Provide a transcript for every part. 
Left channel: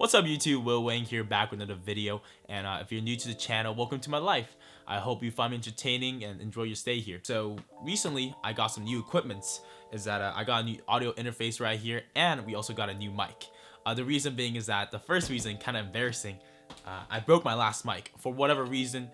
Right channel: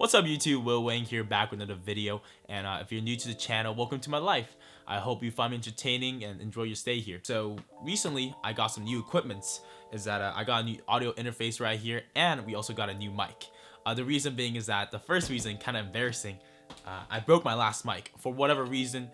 What's up YouTube, Will Wang here, back with another video, and if you're new to the channel, welcome to my life. I hope you find me entertaining and enjoy your stay here. So recently I got some new equipments. I got a new audio interface right here, and we also got a new mic. The reason being is that the first reason, kind of embarrassing, I broke my last mic. For whatever reason,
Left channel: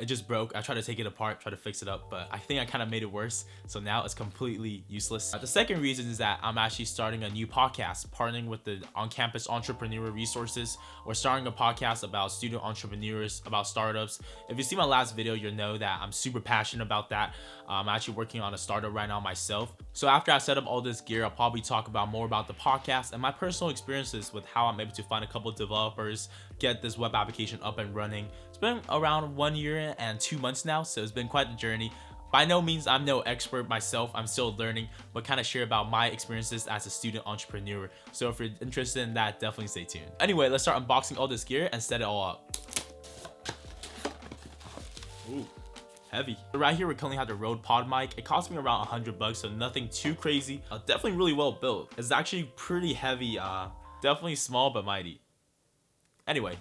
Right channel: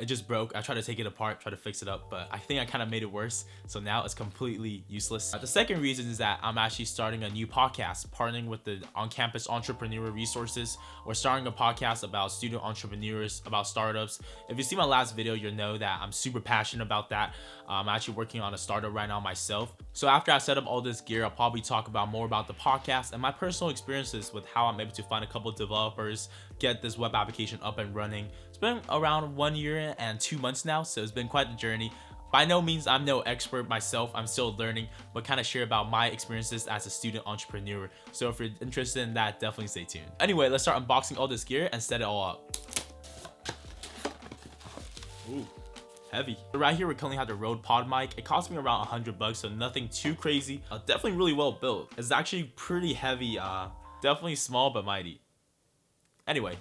it just broke. I tried to take it apart, try to fix it up, but I think I kind of made it worse. So now it's completely useless. The second reason is that I'm actually starting a new podcast, partnering with the on-campus entrepreneur resources. We're starting a podcast about student entrepreneurs, about startups. If you see my last video, you'll know that I'm super passionate about that. I'm actually working on a startup right now myself. So after I set up all this gear, I'll probably talk about more about the podcast and my personal experiences with how I'm able to find a couple of developers, get this web application up and running. It's been around 1 year and 2 months now, so it's been quite the journey. By no means I'm no expert myself, I'm still learning, but kind of share about my experiences as a student entrepreneur. So if you're interested in that, definitely stay tuned. Anyway, let's start unboxing all this gear and set it all up. Ooh, heavy. Right here we currently have the Rode Pod mic. It cost me around $100, so nothing too crazy. Definitely really well built. It's actually pretty heavy, definitely small but mighty. Anyway.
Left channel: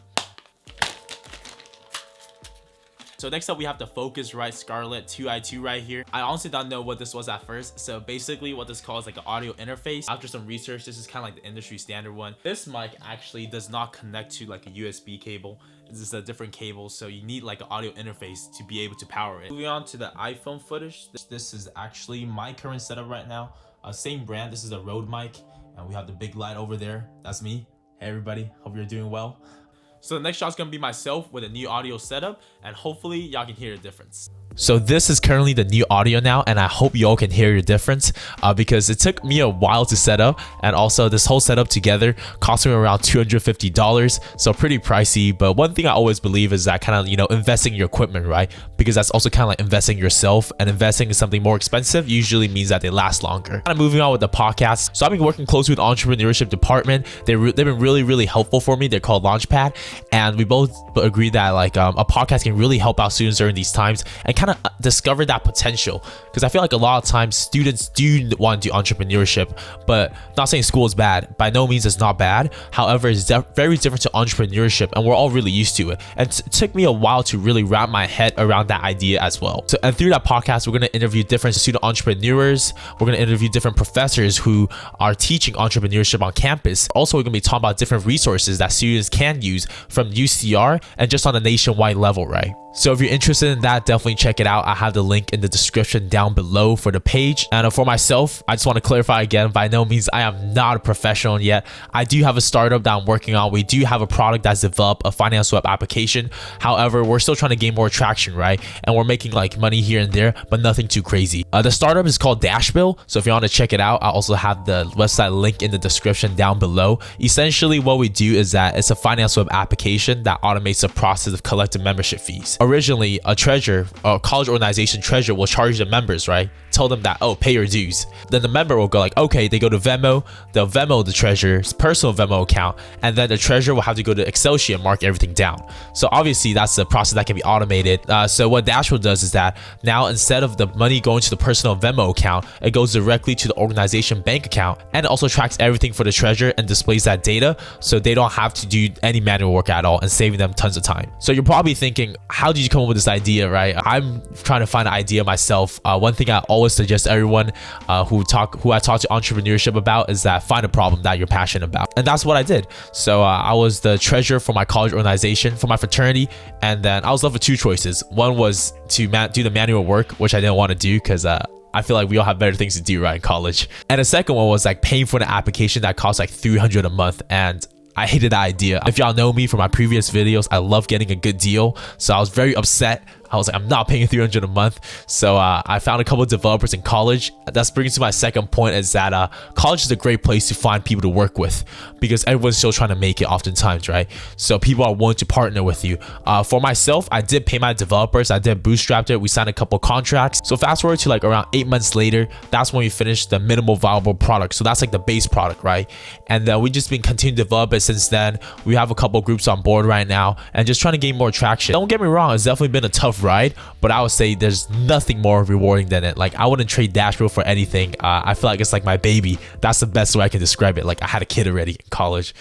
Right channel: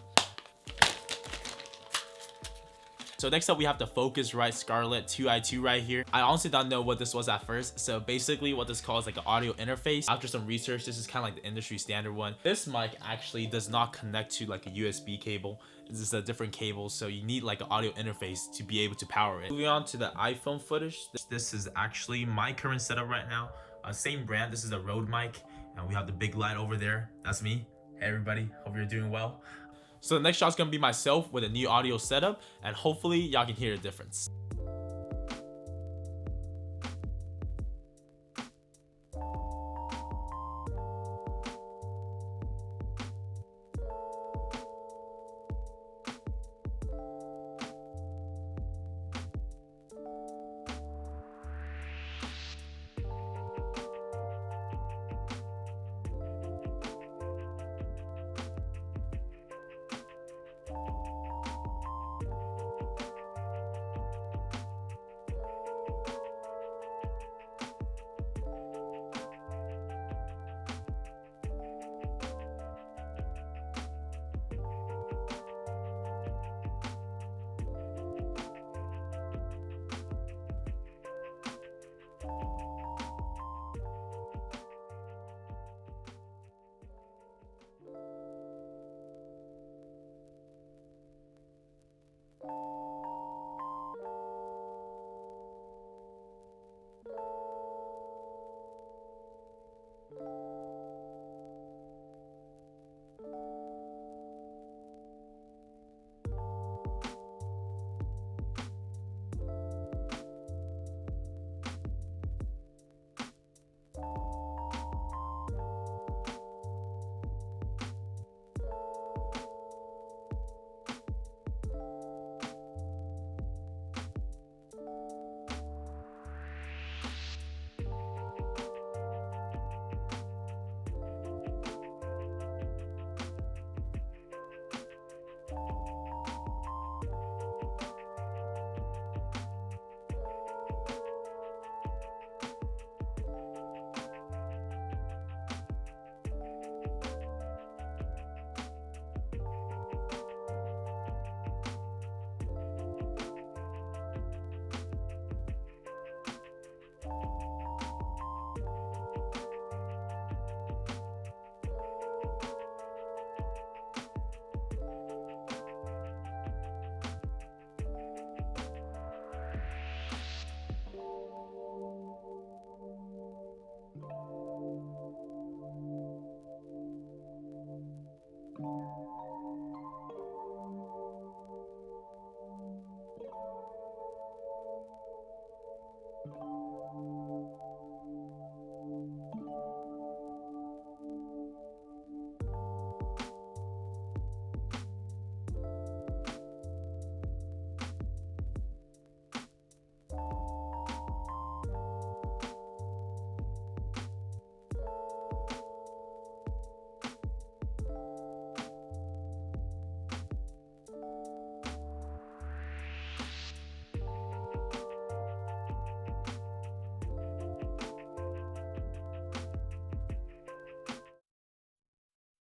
So next up we have the Focusrite Scarlett 2i2 right here. I honestly don't know what this was at first. So basically what this calls like an audio interface. After some research, this is kind of like the industry standard one. This mic actually does not connect to like a USB cable. This is a different cable, so you need like an audio interface to be able to power it. Moving on to the iPhone footage. This is actually my current setup right now. Same brand. This is a Rode mic, and we have the big light over there. That's me. Hey everybody, hope you're doing well. So the next shot's gonna be myself with a new audio setup, and hopefully y'all can hear the difference. So this is currently the new audio now, and I hope y'all can hear your difference because it took me a while to set up, and also this whole setup together cost me around $250, so pretty pricey. But one thing I always believe is that kind of, investing in your equipment, right? Because that's also kind of like investing in yourself, and investing in something more expensive usually means that they last longer. Kind of moving on with the podcast. So I've been working closely with the entrepreneurship department. They've been really helpful for me. They're called Launchpad, and we both agree that like a podcast can really help out students during these times and kind of discover that potential, because I feel like a lot of times students do want to do entrepreneurship, but not saying school is bad, by no means it's not bad. However, it's very different to entrepreneurship, and we're all really used to it, and it took me a while to really wrap my head around that idea as well. So, and through that podcast, we're going to interview different student entrepreneurs. We're going to interview different professors who are teaching entrepreneurship on campus. Also, we're going to be talking about different resources that students can use from UCR and just on a nationwide level, right? So if you're interested in that, definitely check it out. I have the link in the description down below for the page. And for myself, I just want to clarify again, by no means I am not a professional yet. I do have a startup that I'm working on. We do have a product that's developed, a finance web application. However, we're still trying to gain more traction, right? And we're making like money here and there, but nothing too crazy. The startup is called Dashbill. So if you want to check it out, I also have the website link in the description down below. Essentially what we do is that it's a finance web application that automates the process of collecting membership fees. Originally, a college organization treasurer will charge the members, right? Tell them that, oh, pay your dues. Then the member will go like, okay, they go to Venmo, they'll Venmo the treasurer's personal Venmo account, and then the treasurer will have to go to Excel sheet and mark everything down. So obviously that's the process that can be automated. So what Dashbill does is that now instead of the money going to the personal Venmo account, it goes directly to the organization bank account, and it also tracks everything for the treasurer and displays that data, so they don't have to do any manual work at all, and saving them tons of time. So you're probably thinking, how did you come up with this idea, right? I'm trying to find an idea myself. One thing I always suggest everyone who I talk to entrepreneurship about is that find a problem that you're passionate about, and that's what I did. So I was the treasurer for my college organization for my fraternity, and then I was left with two choices. One was to do the manual work, which I didn't want to do because I feel like we all have better things to do, right, in college. And the second one was like paying for the application that costs like $300 a month, and I hated that idea. If y'all know me from my previous videos, I love getting a good deal, so I was very upset. I was like, I'm not paying $300 a month. So I found a couple of developers in college. That brings to my second point, is that college is a great place to find people to work with, because everyone's still trying to make it oftentimes, right? So people are willing to partner with you. For myself, I did pay my developers. I did bootstrap it. We signed a couple contracts. So fast forward to like around 8 months later, that's when we finished the minimal viable product. So that's like the base product, right? And we just been continuing to develop it since then. We have a couple groups on board right now and just trying to gain more traction. Don't get me wrong, it's definitely been a tough ride, but I would say there's nothing more rewarding than it. Like, I wouldn't trade Dashville for anything. I feel like it's like my baby. That's the best way I can describe it. Like, I had a kid already in college.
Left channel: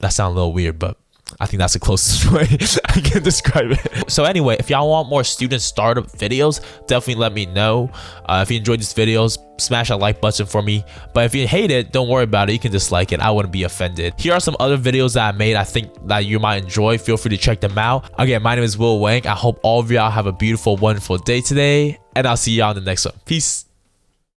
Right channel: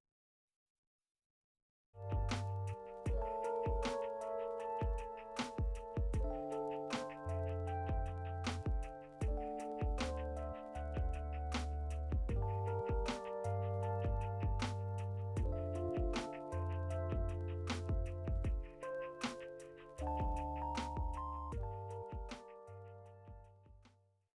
That sounds a little weird, but I think that's the closest way I can describe it. So anyway, if y'all want more student startup videos, definitely let me know. If you enjoyed these videos, smash that like button for me. But if you hate it, don't worry about it. You can dislike it. I wouldn't be offended. Here are some other videos that I made I think that you might enjoy. Feel free to check them out. Again, my name is Will Wang. I hope all of y'all have a beautiful, wonderful day today, and I'll see y'all in the next one. Peace.